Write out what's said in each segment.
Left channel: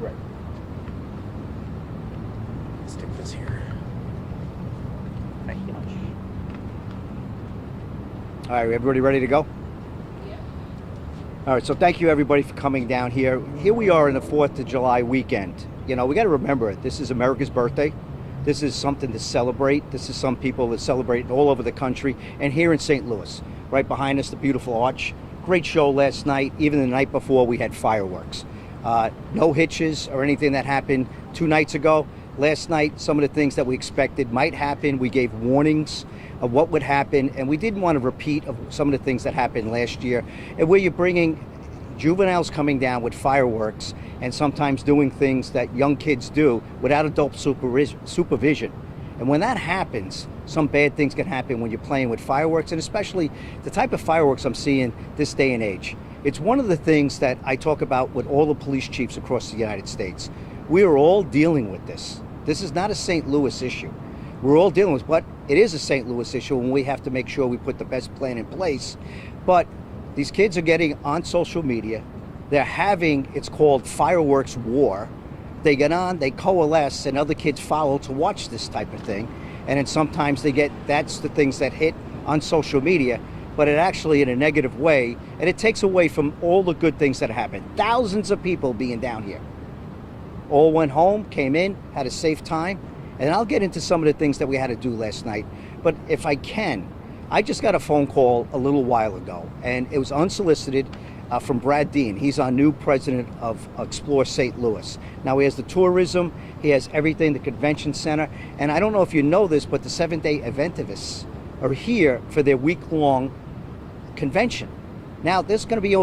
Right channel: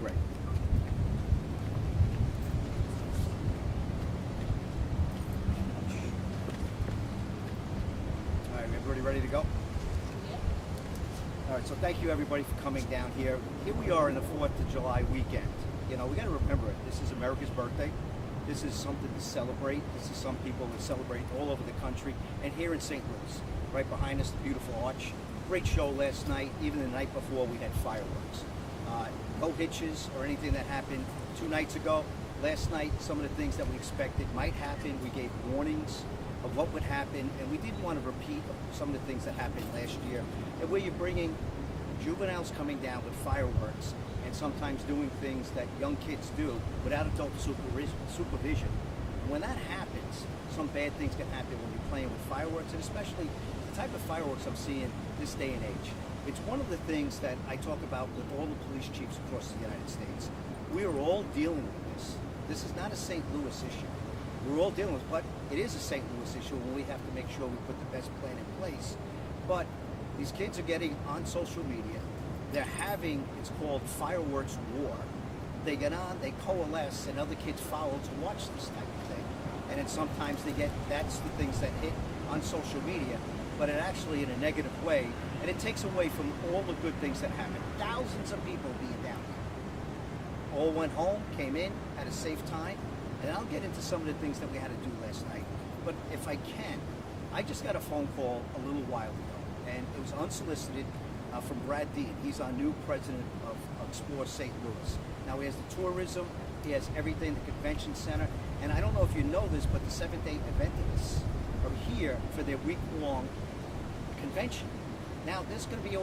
Right. Let's take this here. Thank you much. All right, everybody ready to go? All right, so thank you everybody for coming down here. Here we are in the 4th of July weekend. You know, we got to remember it. This is America's birthday. This is something to celebrate. This is some people that celebrate all over the country. And here in St. Louis, right behind us, the beautiful arch. Great show last night. Even the night before, we had fireworks. No hitches or anything that happened 2 nights ago. Last night, some of the things that we expected might happen. We gave warnings of what would happen, and we didn't want to repeat of some of the things that happened last year. And where you're bringing juveniles coming down with fireworks and sometimes doing things that young kids do without adult supervision. And when that happens, some bad things can happen when you're playing with fireworks, and especially the type of fireworks I'm seeing this day and age. It's one of the things that I talk about with all the police chiefs across the United States. We are all dealing with this. This is not a St. Louis issue. We're all dealing with, but it is a St. Louis issue, and we have to make sure we put the best plan in place. But these kids are getting on social media. They're having, it's called fireworks war. They get on, they coalesce, and other kids follow to watch this type of thing. And then sometimes they get, that's the things that hit on social media, but it actually in a negative way, and it takes away from all the good things that happen. Thousands of people being down here. All went home, came in, had a safe time. And I'll get into some of the things that we had to do last night. But if I can, I just got a phone call a little while ago, and it was unsolicited from Brad Dean. He's our new president of Explore St. Louis. Now he has the tourism, he has everything, the convention center. And I don't know if you know this, but the Seventh-day Adventists are here for their week-long convention. Now there's going to be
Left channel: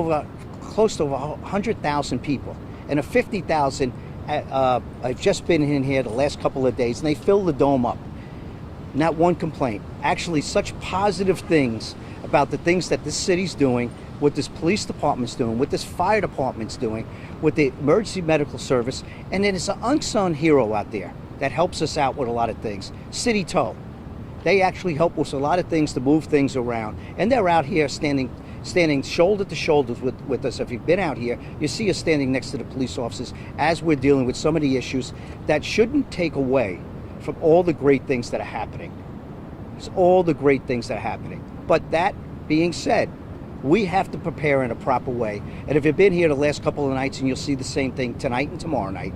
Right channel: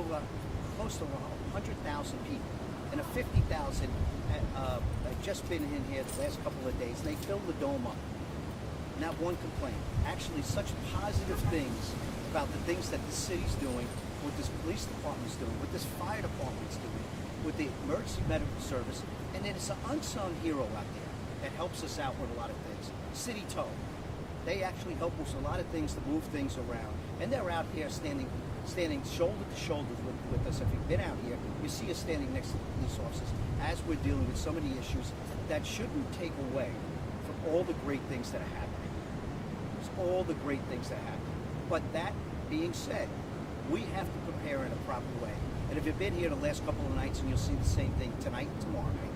close to 100,000 people, and a 50,000 I've just been in here the last couple of days, and they fill the dome up. Not one complaint. Actually, such positive things about the things that this city's doing, what this police department's doing, what this fire department's doing, with the emergency medical service, and then it's an unsung hero out there that helps us out with a lot of things. City Tow. They actually help us with a lot of things to move things around, and they're out here standing shoulder to shoulder with us. If you've been out here, you see us standing next to the police officers as we're dealing with some of the issues that shouldn't take away from all the great things that are happening. It's all the great things that are happening. But that being said, we have to prepare in a proper way. And if you've been here the last couple of nights, and you'll see the same thing tonight and tomorrow night,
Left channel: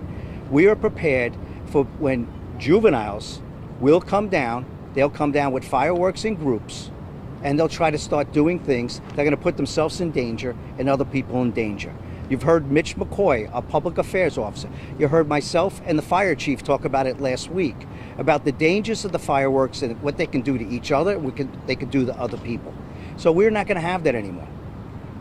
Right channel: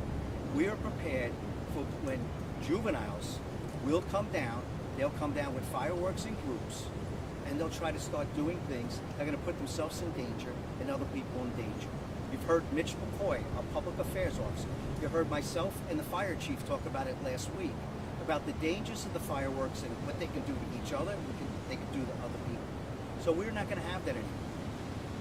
we are prepared for when juveniles will come down. They'll come down with fireworks in groups, and they'll try to start doing things that are going to put themselves in danger and other people in danger. You've heard Mitch McCoy, our public affairs officer. You heard myself and the fire chief talk about it last week, about the dangers of the fireworks and what they can do to each other, they can do to other people. So we're not going to have that anymore.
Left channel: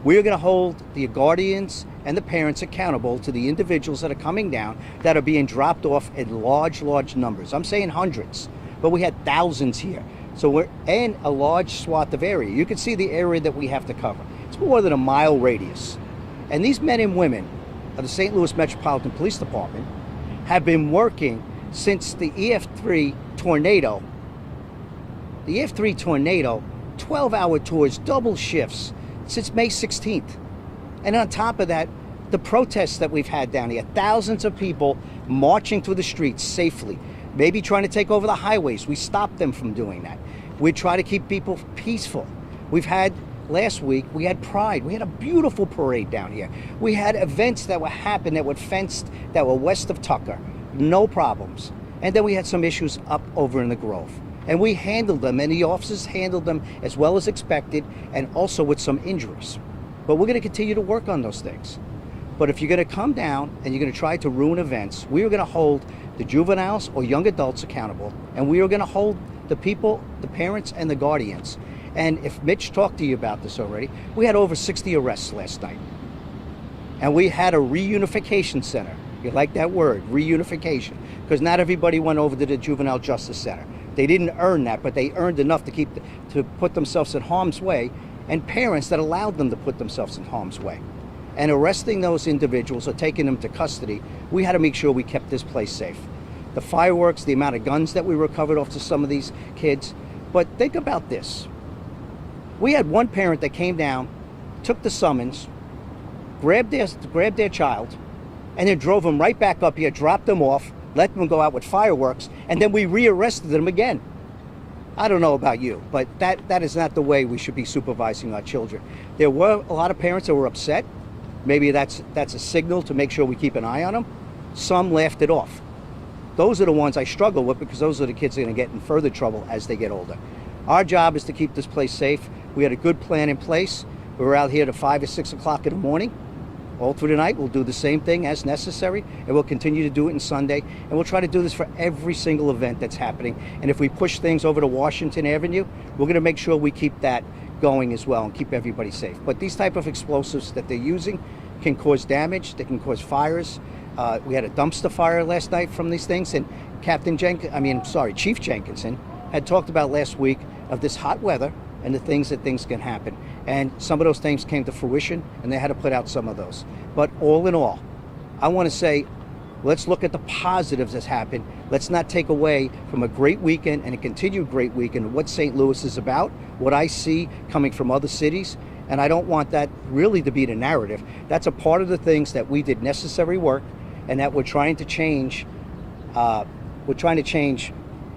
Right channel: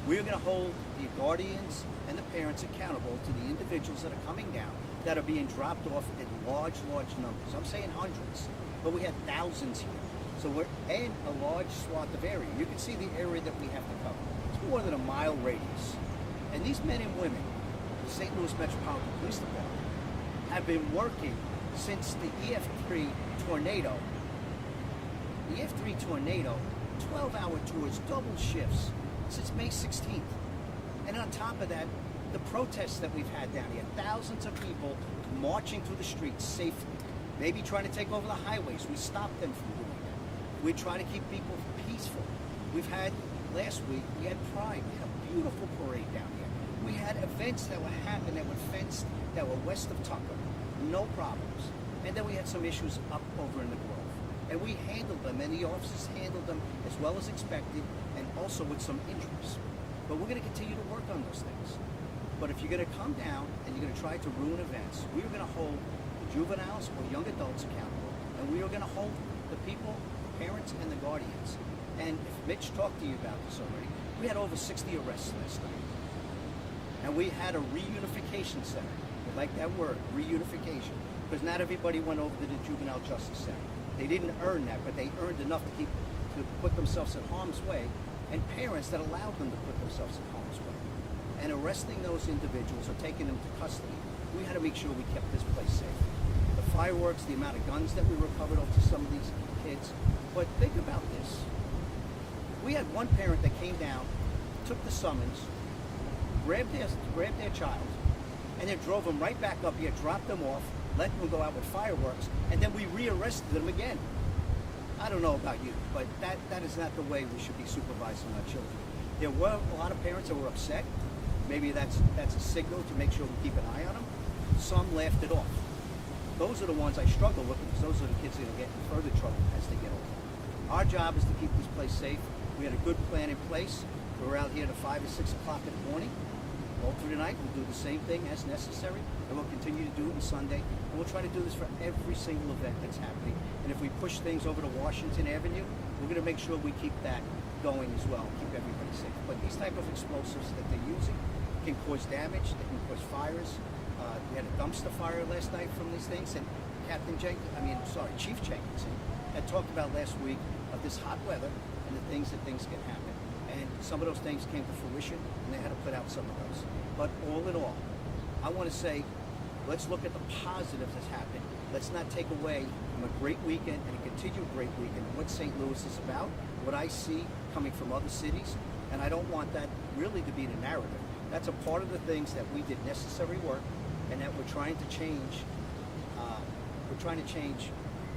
We're going to hold the guardians and the parents accountable to the individuals that are coming down that are being dropped off in large numbers. I'm saying hundreds, but we had thousands here. So we're in a large swath of area. You can see the area that we have to cover. It's more than a mile radius. And these men and women of the St. Louis Metropolitan Police Department have been working since the EF3 tornado. The EF3 tornado, 12-hour tours, double shifts, since May 16th. And on top of that, the protests that we've had down here, thousands of people marching through the streets safely, maybe trying to take over the highways. We stopped them from doing that. We try to keep people peaceful. We've had, last week, we had Pride. We had a beautiful parade down here. We had events that were happening that were fenced, that were west of Tucker. No problems. And then we had some issues up over in the Grove. And we handled them, and the officers handled them as well as expected, and also with some injuries. But we're going to continue to work on those things. But if you're going to come down and you're going to try to ruin events, we are going to hold the juveniles or young adults accountable, and we are going to hold the people, the parents, and the guardians. And if Mitch talked to you about this already, we had over 60 arrests last night. And we had a reunification center. You like that word, reunification, because not everybody went over to the Juvenile Justice Center. They didn't earn that, but they earned enough to put themselves in harm's way, and parents that allowed them to put themselves in harm's way. And arresting those individuals or taking them to custody, we had to make sure we kept this place safe. The fireworks, the amount of guns that we recovered off to some of these kids. But think about this. We had one parent that came down, took the summons, grabbed their child, and then drove them right back up here, dropped them off, let them go out with fireworks, and then we rearrested them again. I don't know about you, but that is not the way we should be supervising our children. There were a lot of parents that were upset. Maybe that's a signal to make sure we keep an eye on them. Some laughed it off. Those are the ones I struggle with, because those are the kids that are going to get in further trouble as they get older. Our job is to keep this place safe. We had a good plan in place. We were out here to 5 or 6 o'clock in the morning. All through the night, we'll do the same thing as necessary, and we'll continue to do it on Sunday. And we'll try to do this for every single event that's happening. And if we push things over to Washington Avenue, we're going to make sure we keep that going as well and keep everybody safe. But these type of explosives that they're using can cause damage. They can cause fires. We had a dumpster fire last night from these things, and Chief Jenkinson had talked about last week of this hot weather and the things can happen. And some of those things came to fruition, and they had to put out some of those. But all in all, I want to say, let's look at the positives that's happened. Let's not take away from a great weekend and a continued great weekend what St. Louis is about, what I see coming from other cities. And I don't want that really to be the narrative. That's a part of the things that we did necessary work, and that we're trying to change. We're trying to change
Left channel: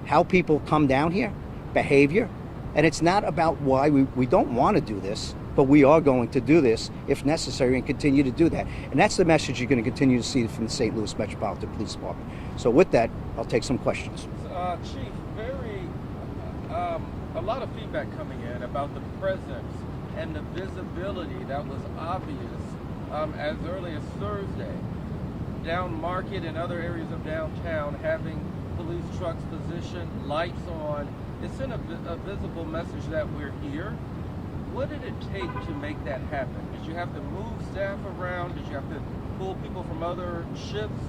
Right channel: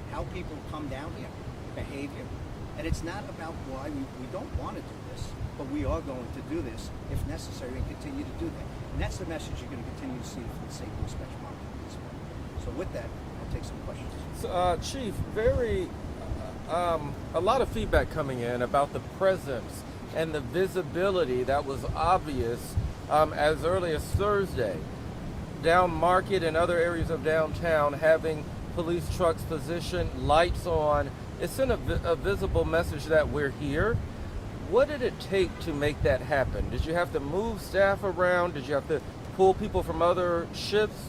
how people come down here, behavior. And it's not about why we don't want to do this, but we are going to do this if necessary and continue to do that. And that's the message you're going to continue to see from the St. Louis Metropolitan Police Department. So with that, I'll take some questions. So, Chief, a lot of feedback coming in about the presence and the visibility that was obvious as early as Thursday. Down Market and other areas of downtown, having police trucks positioned, lights on. It sent a visible message that we're here. What did it take to make that happen? Did you have to move staff around? Did you have to pull people from other shifts?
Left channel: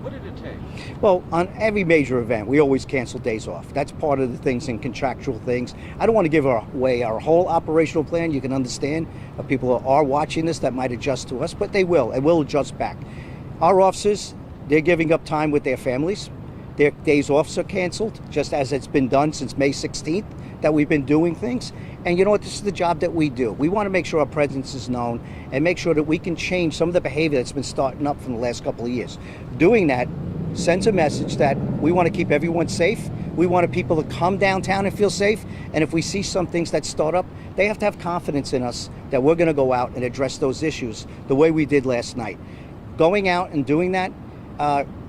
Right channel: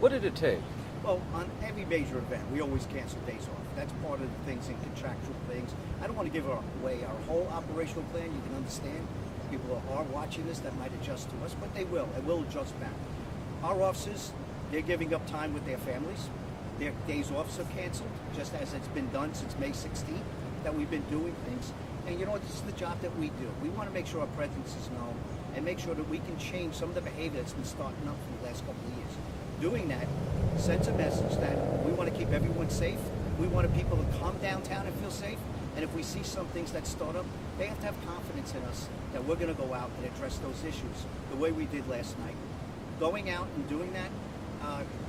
What did it take? Well, on every major event, we always cancel days off. That's part of the things and contractual things. I don't want to give away our whole operational plan. You can understand people are watching this that might adjust to us, but they will, and we'll adjust back. Our officers, they're giving up time with their families. Their days off are canceled, just as it's been done since May 16th, that we've been doing things. And you know what? This is the job that we do. We want to make sure our presence is known and make sure that we can change some of the behavior that's been starting up from the last couple of years. Doing that sends a message that we want to keep everyone safe. We want people to come downtown and feel safe. And if we see some things that start up, they have to have confidence in us that we're going to go out and address those issues the way we did last night. Going out and doing that,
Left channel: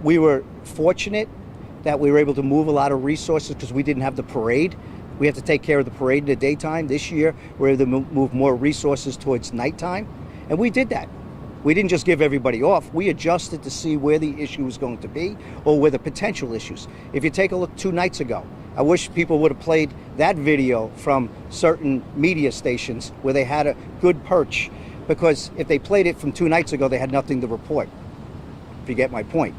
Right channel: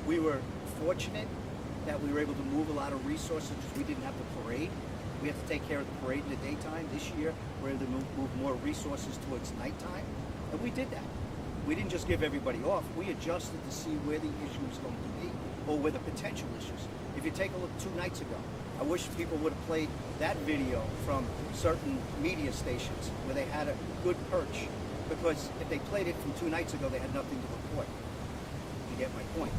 we were fortunate that we were able to move a lot of resources because we didn't have the parade. We have to take care of the parade in the daytime. This year, we're able to move more resources towards nighttime, and we did that. We didn't just give everybody off. We adjusted to see where the issue was going to be or where the potential issues. If you take a look 2 nights ago, I wish people would have played that video from certain media stations where they had a good perch, because if they played it from 2 nights ago, they had nothing to report, if you get my point.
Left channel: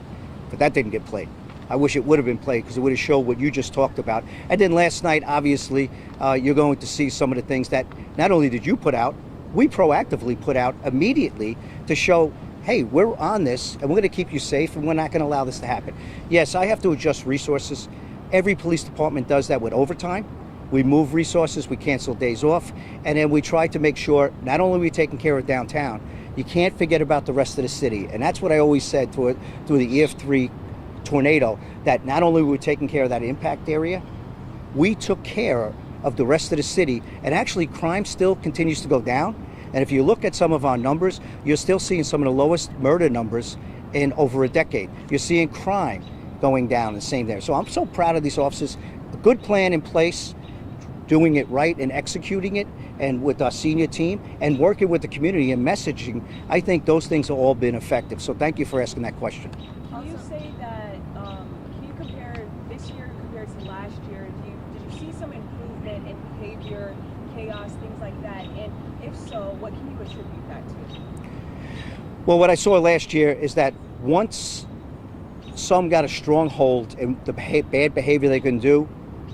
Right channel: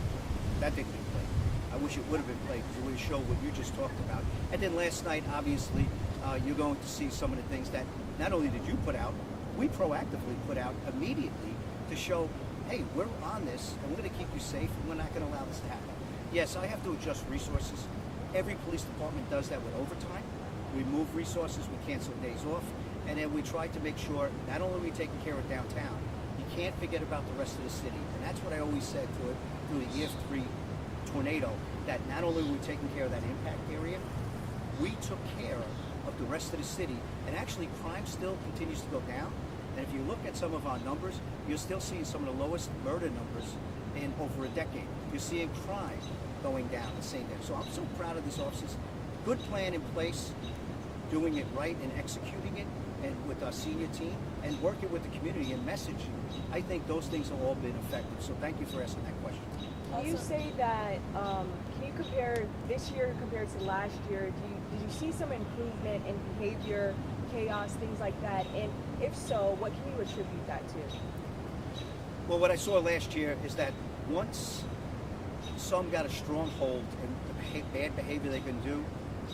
But that didn't get played. I wish it would have been played, because it would have showed what you just talked about. And then last night, obviously, you're going to see some of the things that not only did you put out, we proactively put out immediately to show, hey, we're on this, and we're going to keep you safe, and we're not going to allow this to happen. Yes, I have to adjust resources. Every police department does that with overtime. We move resources, we cancel days off, and then we try to make sure not only are we taking care of downtown, you can't forget about the rest of the city. And that's what I always said through the EF3 tornado, that not only were we taking care of that impact area, we took care of the rest of the city. And actually, crime still continues to go down. And if you look at some of our numbers, you're still seeing some of the lowest murder numbers in over a decade. You're seeing crime going down the same there. So I'm so proud of these officers. A good plan in place, doing it right and executing it, and with our senior team, and working with the community and messaging. I think those things have all been effective. So thank you for asking that question. You say that, can you compare this year compared to last year? Did you see some improvement in behavior, chaos, things like that? And if so, what can you attribute that to? Well, what I saw last year is that once some got a strong hold in the bad behavior they can do,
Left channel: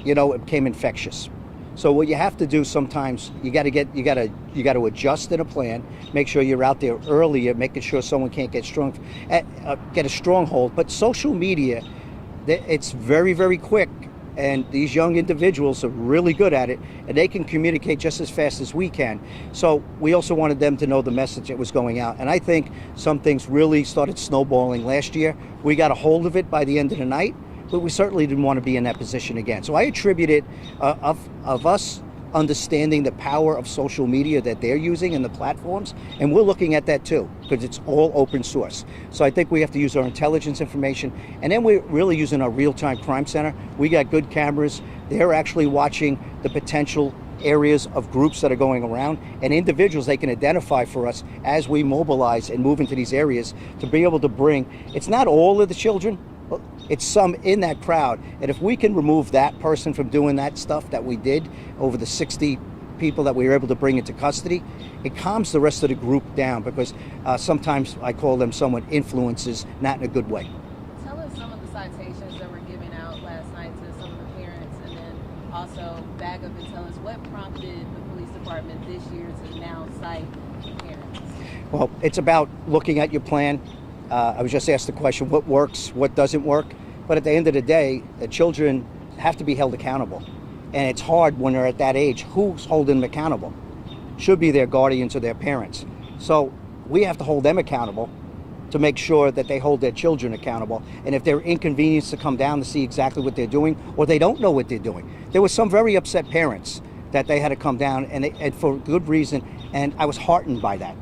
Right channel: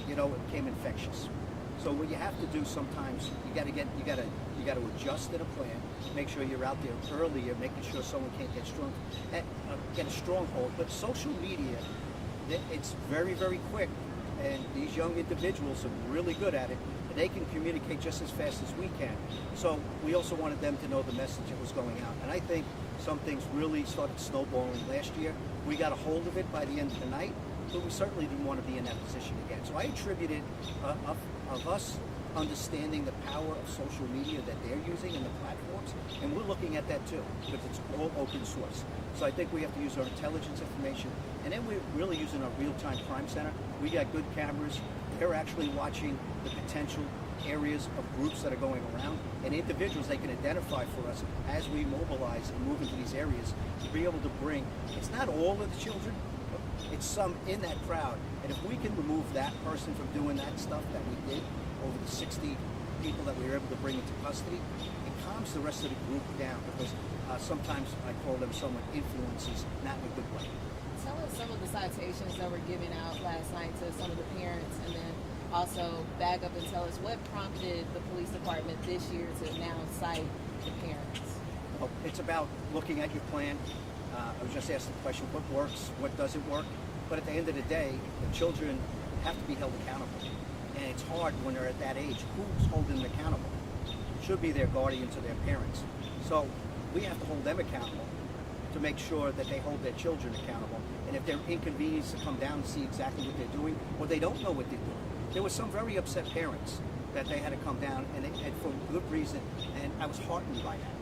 it became infectious. So what you have to do sometimes, you got to adjust in a plan. Make sure you're out there earlier, making sure someone can't get a stronghold. But social media, it's very, very quick, and these young individuals are really good at it. and they can communicate just as fast as we can. So we also wanted them to know the message that was going out. And I think some things really started snowballing last year. We got a hold of it by the end of the night, but we certainly didn't want to be in that position again. So I attribute it of us understanding the power of social media that they're using and the platforms, and we're looking at that too, because it's all open source. So I think we have to use our intelligence information, and then we're really using our real-time crime center. We got good cameras. They're actually watching the potential areas of groups that are going around, and individuals they can identify for us as we mobilize and move into these areas to be able to bring, it's not all of the children, but it's some in that crowd. And if we can remove that person from doing that stuff that we did over the 60 people that we were able to bring into custody, it calms the rest of the group down, because sometimes I call them somewhat influences, not in a good way. Tell us some of the citations that were given out last night to some of the parents, and then also back up and tell us what prompted the police department this year to now cite parents. Well, it's about looking at your plan. I was just asked the question, what works, what doesn't work? But at the end of the day, the children have to be held accountable. And it's hard when they're at that age. Who's holding them accountable? Should be their guardians or their parents. So we have to hold them accountable to make sure that they hold their children accountable. And if they're inconvenienced to come down to see exactly what they're doing, or they don't know what they're doing. There were some very upset parents that they had to come down, and for good reason, and I was heartened by that.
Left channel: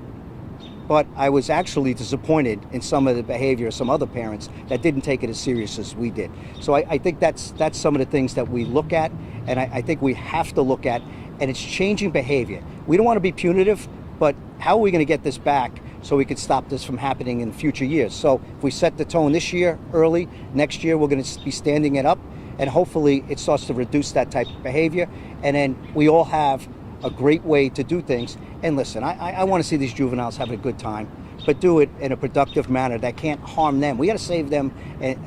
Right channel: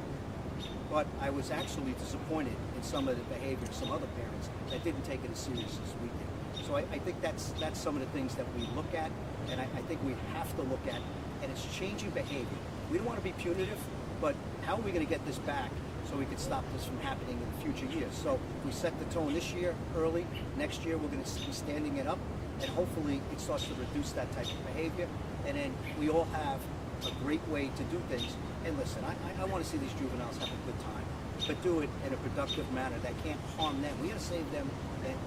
But I was actually disappointed in some of the behavior of some other parents that didn't take it as serious as we did. So I think that's some of the things that we look at, and I think we have to look at, and it's changing behavior. We don't want to be punitive, but how are we going to get this back so we can stop this from happening in future years? So if we set the tone this year early, next year we're going to be standing it up, and hopefully it starts to reduce that type of behavior, and then we all have a great way to do things. And listen, I want to see these juveniles have a good time, but do it in a productive manner that can't harm them. We got to save them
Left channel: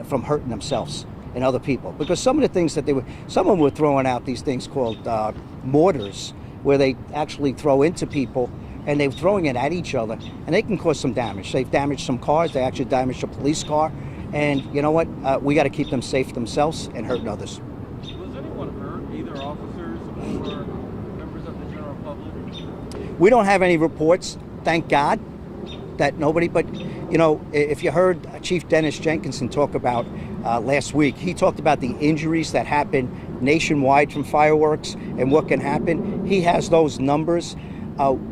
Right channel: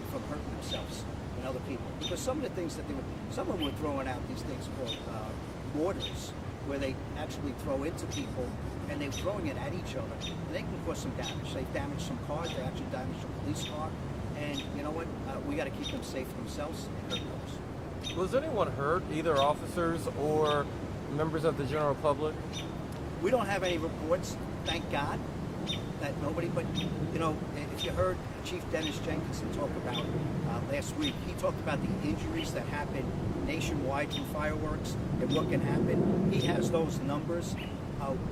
from hurting themselves and other people, because some of the things that some of them were throwing out these things called mortars, where they actually throw into people, and they're throwing it at each other, and they can cause some damage. They've damaged some cars. They actually damaged a police car, and you know what? We got to keep them safe themselves and hurting others. Was anyone hurt, either officers or members of the general public? We don't have any reports, thank God, that nobody, but you know, if you heard Chief Dennis Jenkinson talk about last week, he talked about the injuries that happen nationwide from fireworks and what can happen. He has those numbers.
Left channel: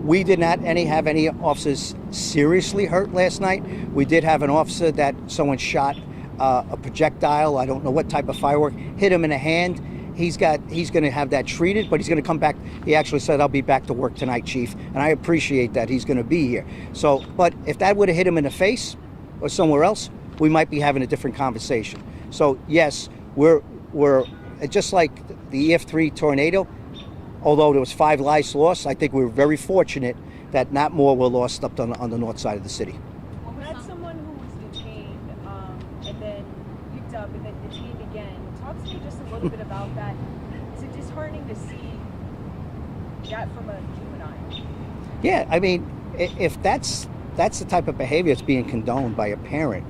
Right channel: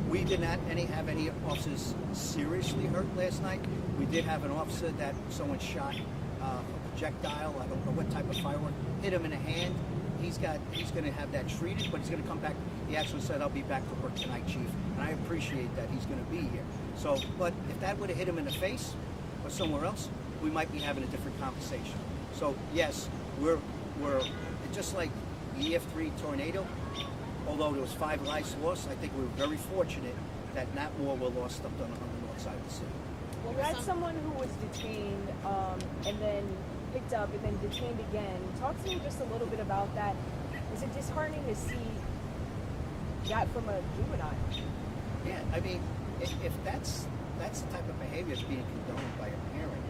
We did not have any officers seriously hurt last night. We did have an officer that someone shot a projectile, I don't know what type of firework, hit him in the hand. He's going to have that treated, but he's going to come back. He actually said, "I'll be back to work tonight, Chief," and I appreciate that he's going to be here. So, but if that would have hit him in the face or somewhere else, we might be having a different conversation. So yes, we're just like the EF3 tornado. Although there was 5 lives lost, I think we were very fortunate that not more were lost up on the north side of the city. Well, we had someone who was detained and then picked up and then detained again. Talk to me just a little bit about that. Is it disheartening to see that from a juvenile? Yeah, I mean, if that's the type of behavior that's being condoned by a parent,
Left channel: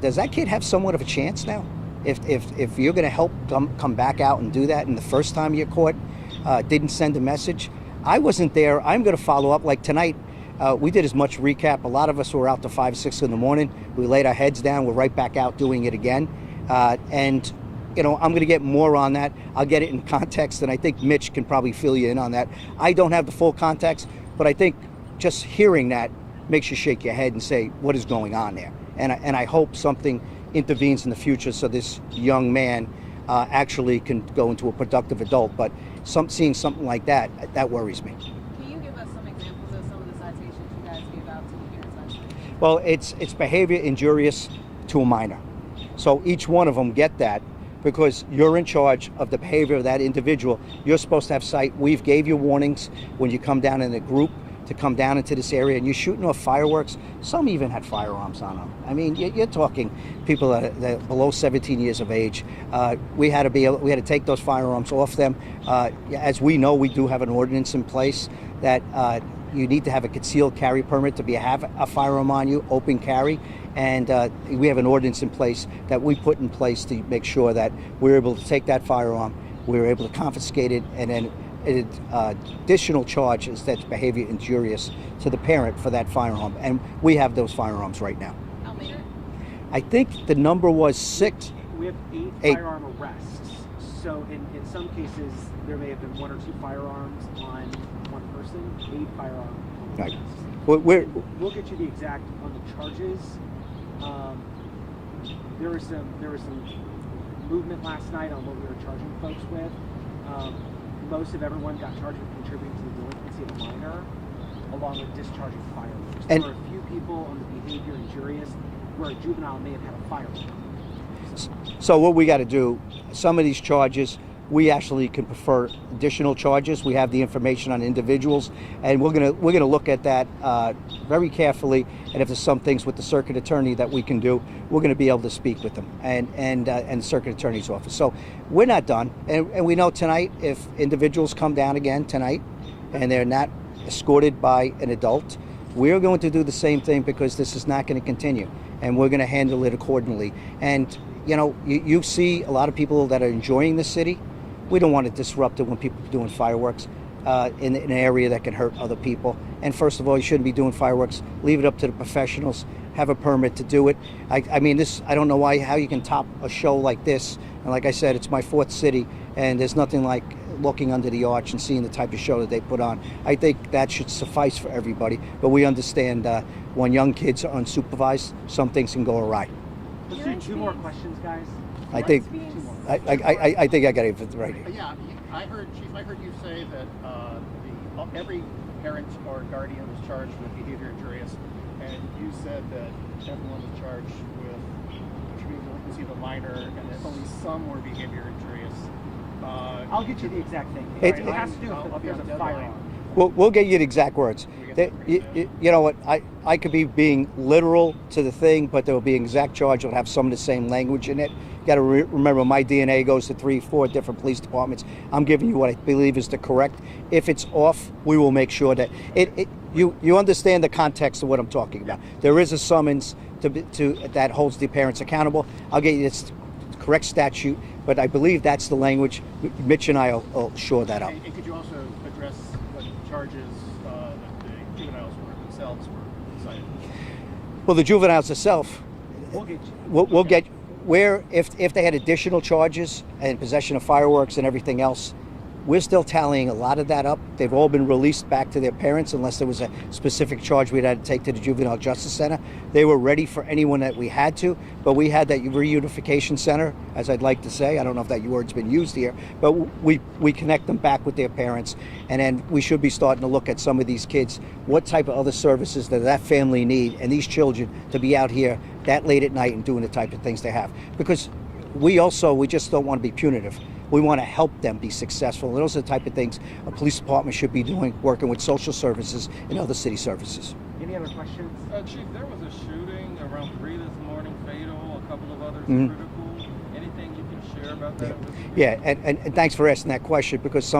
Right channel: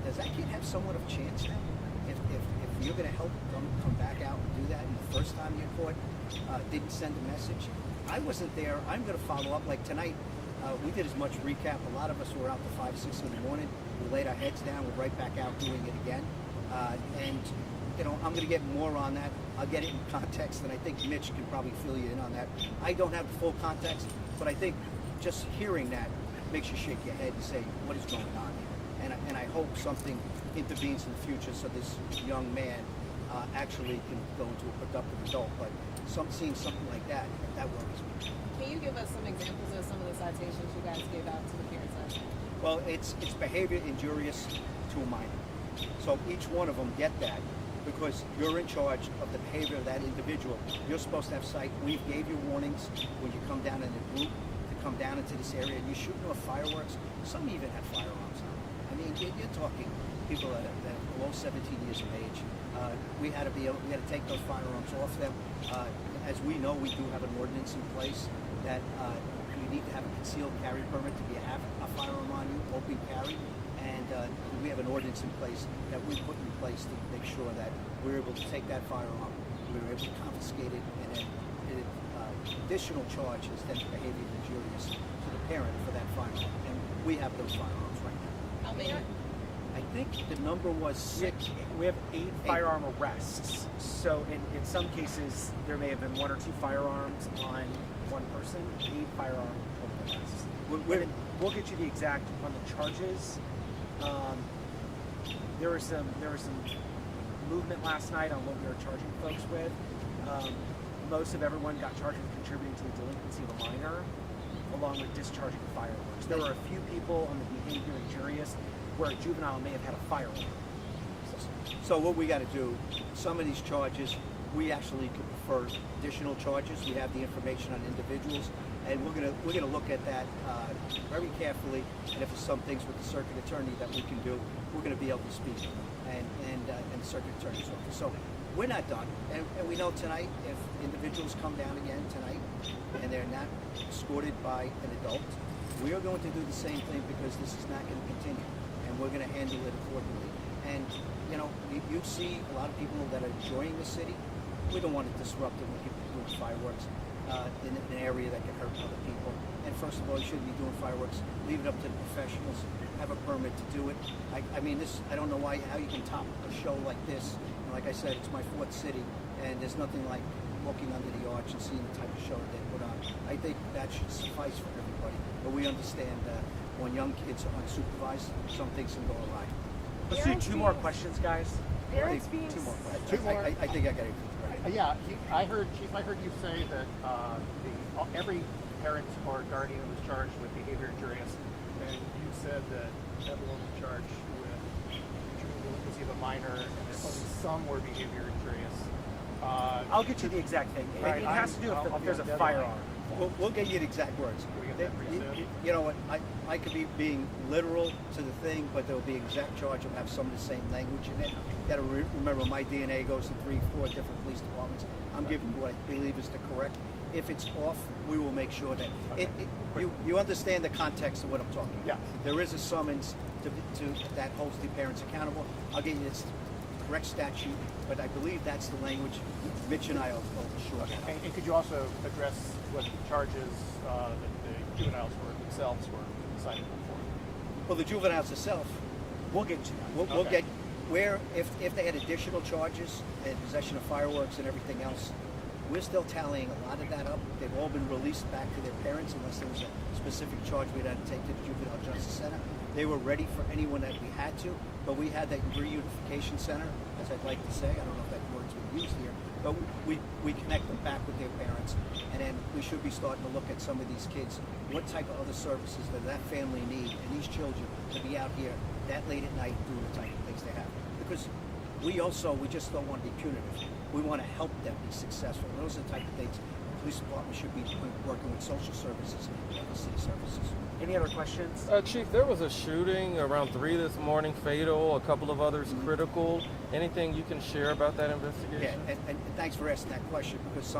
does that kid have somewhat of a chance now? If you're going to help come back out and do that, and the first time you're caught, didn't send a message. I wasn't there. I'm going to follow up. Like tonight, we did as much recap. A lot of us were out to 5, 6 in the morning. We laid our heads down. We're right back out doing it again. And, you know, I'm going to get more on that. I'll get it in context, and I think Mitch can probably fill you in on that. I don't have the full context, but I think just hearing that makes you shake your head and say, what is going on there? And I hope something intervenes in the future so this young man actually can go into a productive adult. But seeing something like that worries me. Can you give us some examples of some of the citations you guys give out to the parents? Well, it's behavior injurious to a minor. So each one of them get that because you're in charge of the behavior of that individual. You're supposed to have sight. We've gave you warnings when you come down in a group to come down into this area, and you're shooting off fireworks. Some even had firearms on them. I mean, you're talking people that are below 17 years of age. We had to take those firearms off them. As we know, we do have an ordinance in place that you need to have a concealed carry permit to have a firearm on you, open carry. And we have an ordinance in place that we put in place to make sure that we're able to take that firearm, we're able to confiscate it, and then additional charge is that's behavior injurious to the parent for that firearm, and we have those firearms right now. How many? I think the number was 6. We have eight Eight. firearm arrests. So in some cases, there may have been 1 or 2 firearms on one person. 8 firearm Right. arrests. We'll get you the exact on the charges. There was some movement last night on what we were charging folks with. Most of everyone got charged with contributing to the delinquency of a minor, along with discharging firearms. There And- were a few people on the behavior injurious where a juvenile may have had a firearm. So what we got to do, some of these charges, we actually could prefer additional charges. We have the information on individuals, and we're gonna look at that very carefully. And if there's some things with the circuit attorney that we can do, we're going to be able to speak with them and the circuit attorney's office. So we're not done, and we know tonight if individuals come down again tonight, and they're not escorted by an adult, we're going to do the same thing because this is not going to continue, and we're going to handle it accordingly. And you know, you see a lot of people that are enjoying the city. We don't want to disrupt it when people are doing fireworks in an area that can hurt other people. And first of all, you shouldn't be doing fireworks. Leave it up to the professionals. Have a permit to do it. I mean, I don't know how you can top a show like this. And like I said, it's my 4th city, and there's nothing like looking under the arch and seeing the type of show that they put on. I think that should suffice for everybody. But we understand when young kids are unsupervised, some things can go awry. Let's do 2 more questions, guys. I think I think I got it right. Yeah, Chief, I heard you say that every parent or guardian was charged with behavior injurious, and you said that everyone was charged with contributing to delinquency of a minor, and that only some were behavior injurious. I'll get you the exact thing. It- It has to do with if there's a firearm. We'll get you the exact words. You know what? I could be being literal to the thing, but there will be an exact charge. It'll have some of the same language in it. You got to remember, my DNA goes to 3, 4 different police departments. I'm giving you what I believe is the correct. If it's off, we will make sure that you understand the context of what I'm talking about. There is a summons to that holds the parents accountable. I'll get you this correct statute, but I believe that's the language. Mitch and I will shore that out. And could you also address what charges that the juveniles themselves were cited? Well, the juveniles itself, We'll get you. we'll get where if they had additional charges and possession of fireworks and everything else, we're still tallying a lot of that up. They've all been released back to their parents unless there was a specific charge we'd had to take to the Juvenile Justice Center. They were ready for anyone that we had to, but we had that reunification center, as I'd like to say. I don't know if that word's been used here, but we connect them back with their parents, and then we should be starting to look at some of these kids, what type of other services does that family need, and these children to be out here that late at night and doing the type of things they have. Because we just don't want to be punitive. We want to help them be successful. And those are the type of things a police department should be doing, working with social services and other city services. Any other questions? Chief, there was a shooting around 3 this morning, fatal, a couple of others critical. Anything you can share about that investigation? Yeah, and thanks for asking that question, because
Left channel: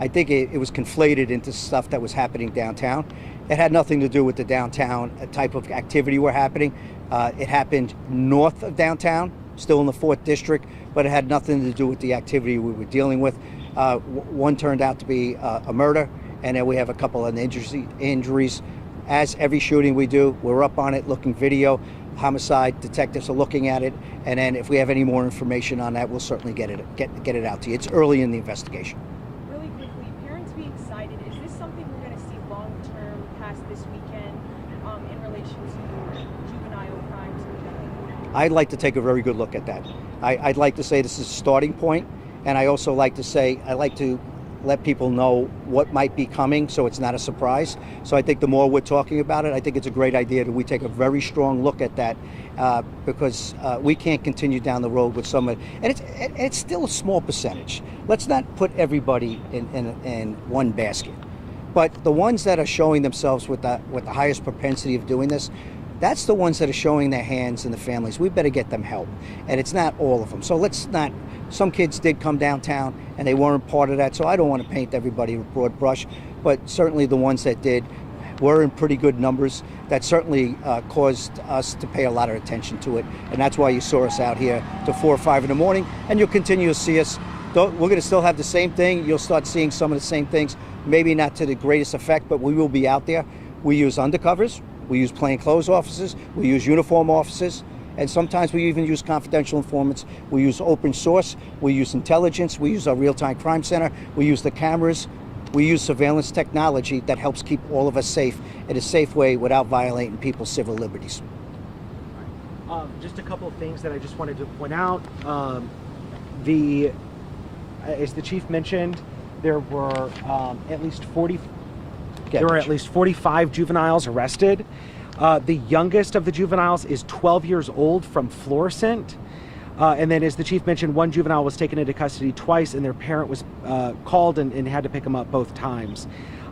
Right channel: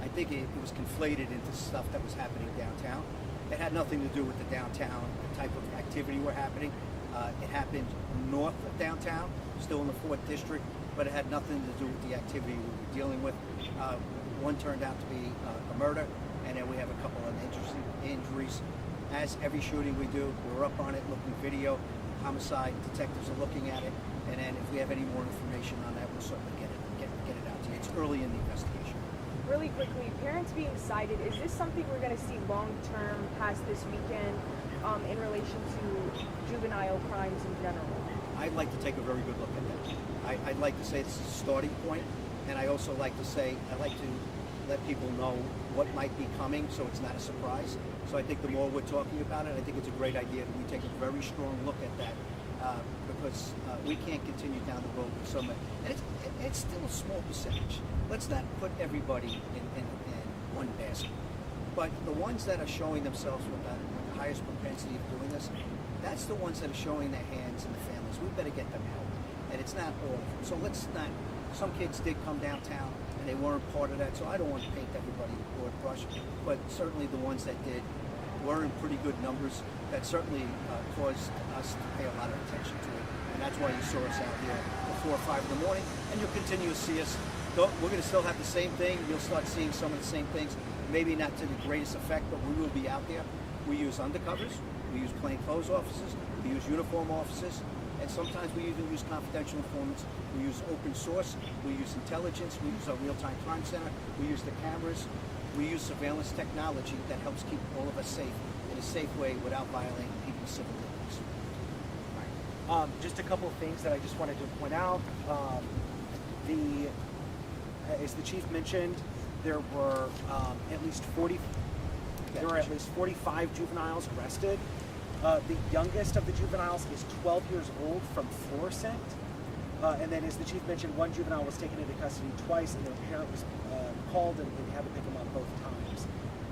I think it was conflated into stuff that was happening downtown. It had nothing to do with the downtown type of activity we're happening. It happened north of downtown, still in the 4th district, but it had nothing to do with the activity we were dealing with. One turned out to be a murder, and then we have a couple of injuries. As every shooting we do, we're up on it, looking video. Homicide detectives are looking at it, and then if we have any more information on that, we'll certainly get it out to you. It's early in the investigation. Really quickly, parents being cited, is this something we're going to see long-term past this weekend in relation to juvenile crimes in general? I'd like to take a very good look at that. I'd like to say this is a starting point, and I also like to say I like to let people know what might be coming so it's not a surprise. So I think the more we're talking about it, I think it's a great idea that we take a very strong look at that, because we can't continue down the road with some of it. And it's still a small percentage. Let's not put everybody in one basket. But the ones that are showing themselves with the highest propensity of doing this, that's the ones that are showing their hands and the families. We better get them help. And it's not all of them. So let's not, some kids did come downtown and they weren't part of that. So I don't want to paint everybody with a broad brush, but certainly the ones that did were in pretty good numbers. That certainly caused us to pay a lot of attention to it. And that's why you saw us out here till 4 or 5 in the morning. And you'll continue to see us We're going to still have the same thing. You'll start seeing some of the same things, maybe not to the greatest effect, but we will be out there. We use undercovers, we use plainclothes officers, we use uniform officers, and sometimes we even use confidential informants. We use open source, we use intelligence, we use our real-time crime center, we use the cameras, we use surveillance technology that helps keep all of us safe in a safe way without violating people's civil liberties. Just a couple of things that I just wanted to point out. As the chief mentioned, there were at least 45 juveniles arrested. The youngest of the juveniles is 12 years old from Florissant. And then, as the chief mentioned, one juvenile was taken into custody twice, and their parent was called and had to pick them up both times.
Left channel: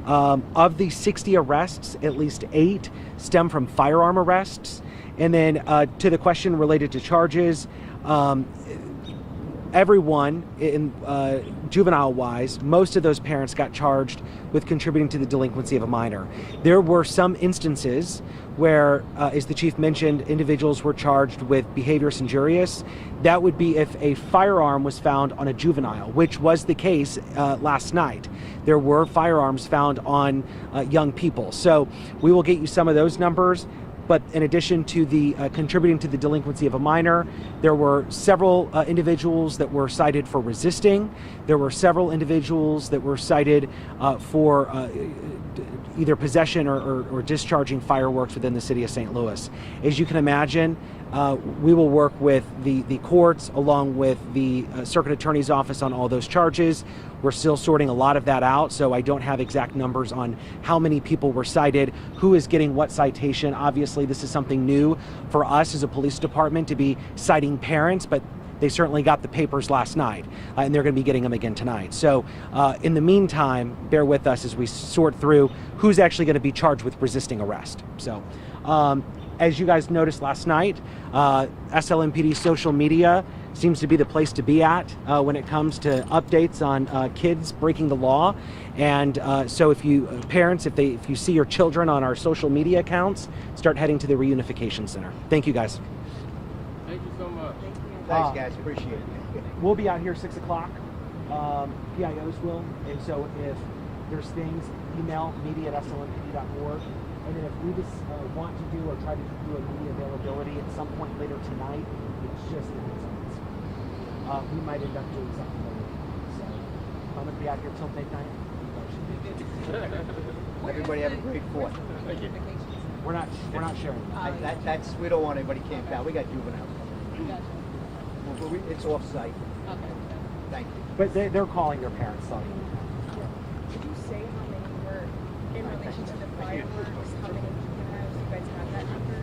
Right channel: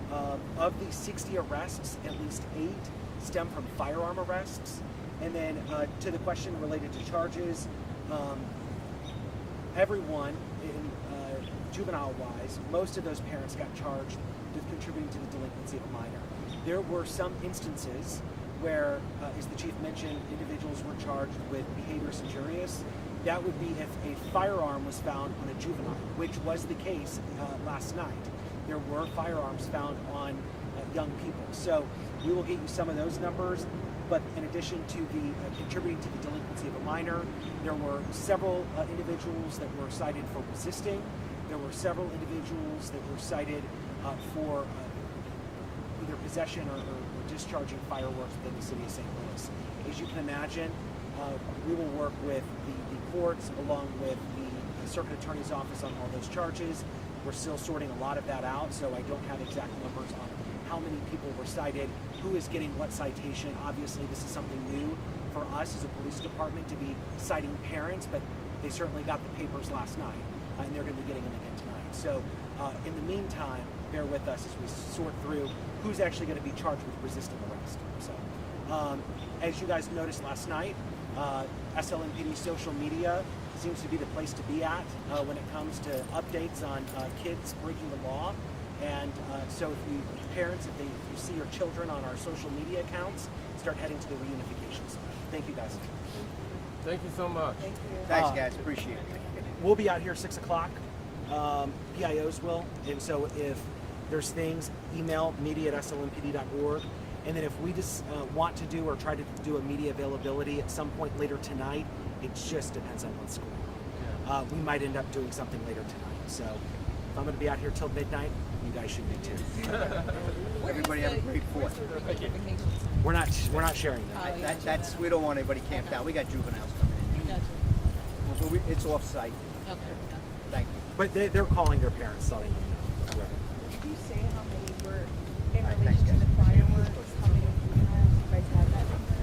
Of the 60 arrests, at least 8 stem from firearm arrests. And then to the question related to charges, everyone in juvenile-wise, most of those parents got charged with contributing to the delinquency of a minor. There were some instances where, as the chief mentioned, individuals were charged with behaviorous injurious. That would be if a firearm was found on a juvenile, which was the case last night. There were firearms found on young people. So we will get you some of those numbers. But in addition to the contributing to the delinquency of a minor, there were several individuals that were cited for resisting. There were several individuals that were cited for either possession or discharging fireworks within the city of St. Louis. As you can imagine, we will work with the courts along with the circuit attorney's office on all those charges. We're still sorting a lot of that out, so I don't have exact numbers on how many people were cited, who is getting what citation. Obviously, this is something new for us as a police department to be citing parents, but they certainly got the papers last night, and they're going to be getting them again tonight. So in the meantime, bear with us as we sort through who's actually going to be charged with resisting arrest. So as you guys noticed last night, SLMPD social media seems to be the place to be at when it comes to updates on kids breaking the law. And so if you parents, if you see your children on our social media accounts, start heading to the Reunification Center. Thank you, guys. Thank you so much. Thank you. Thanks, guys. Appreciate it. We'll be out here 6 o'clock. PIOs will. And so if there's things, email media@slmpd.org. And then if we just want to do or try to do a media availability at some point later tonight, it's just an heads up on screen. We might end up doing something later tonight. So if I'm going to be out here till midnight, you guys should be too. Everybody have a great 4th. We're not sharing that. That's we don't want anybody camped out. We got juveniles coming. Gotcha. It's off-site. Okay. Thank you. But they're calling their parents, telling them. Did you say how many were in relation to the fireworks? How many you have? Do you guys have that number?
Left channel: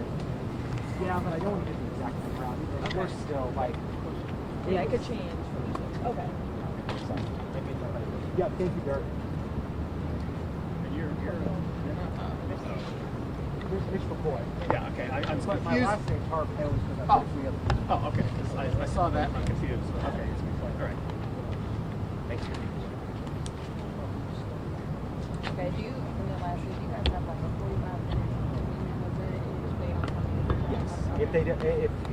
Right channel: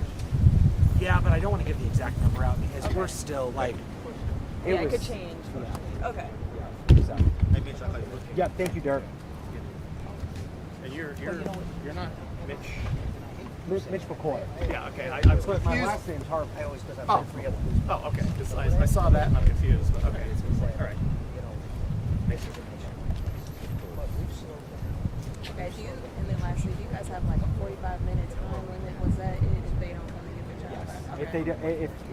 Yeah, but I don't want to give the exact number out because we're still like. It could change. Okay. Yeah, thank you, Derek. And you're not Mitch McCoy. Yeah, okay. I'm But confused. my last name's Harp. I always because I've three other people. Oh, okay. 'Cause I saw that and I'm confused. Okay. All right. Thanks. Okay, and then lastly, do you guys have like a 45-minute time limit? Was that it based on different Yes. times?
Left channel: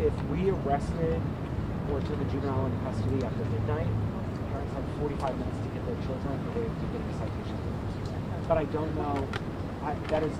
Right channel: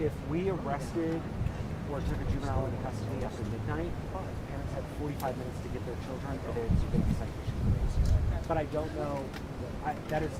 If we arrested or took a juvenile into custody after midnight, parents had 45 minutes to get their children or they to get a citation. But I don't know. That is.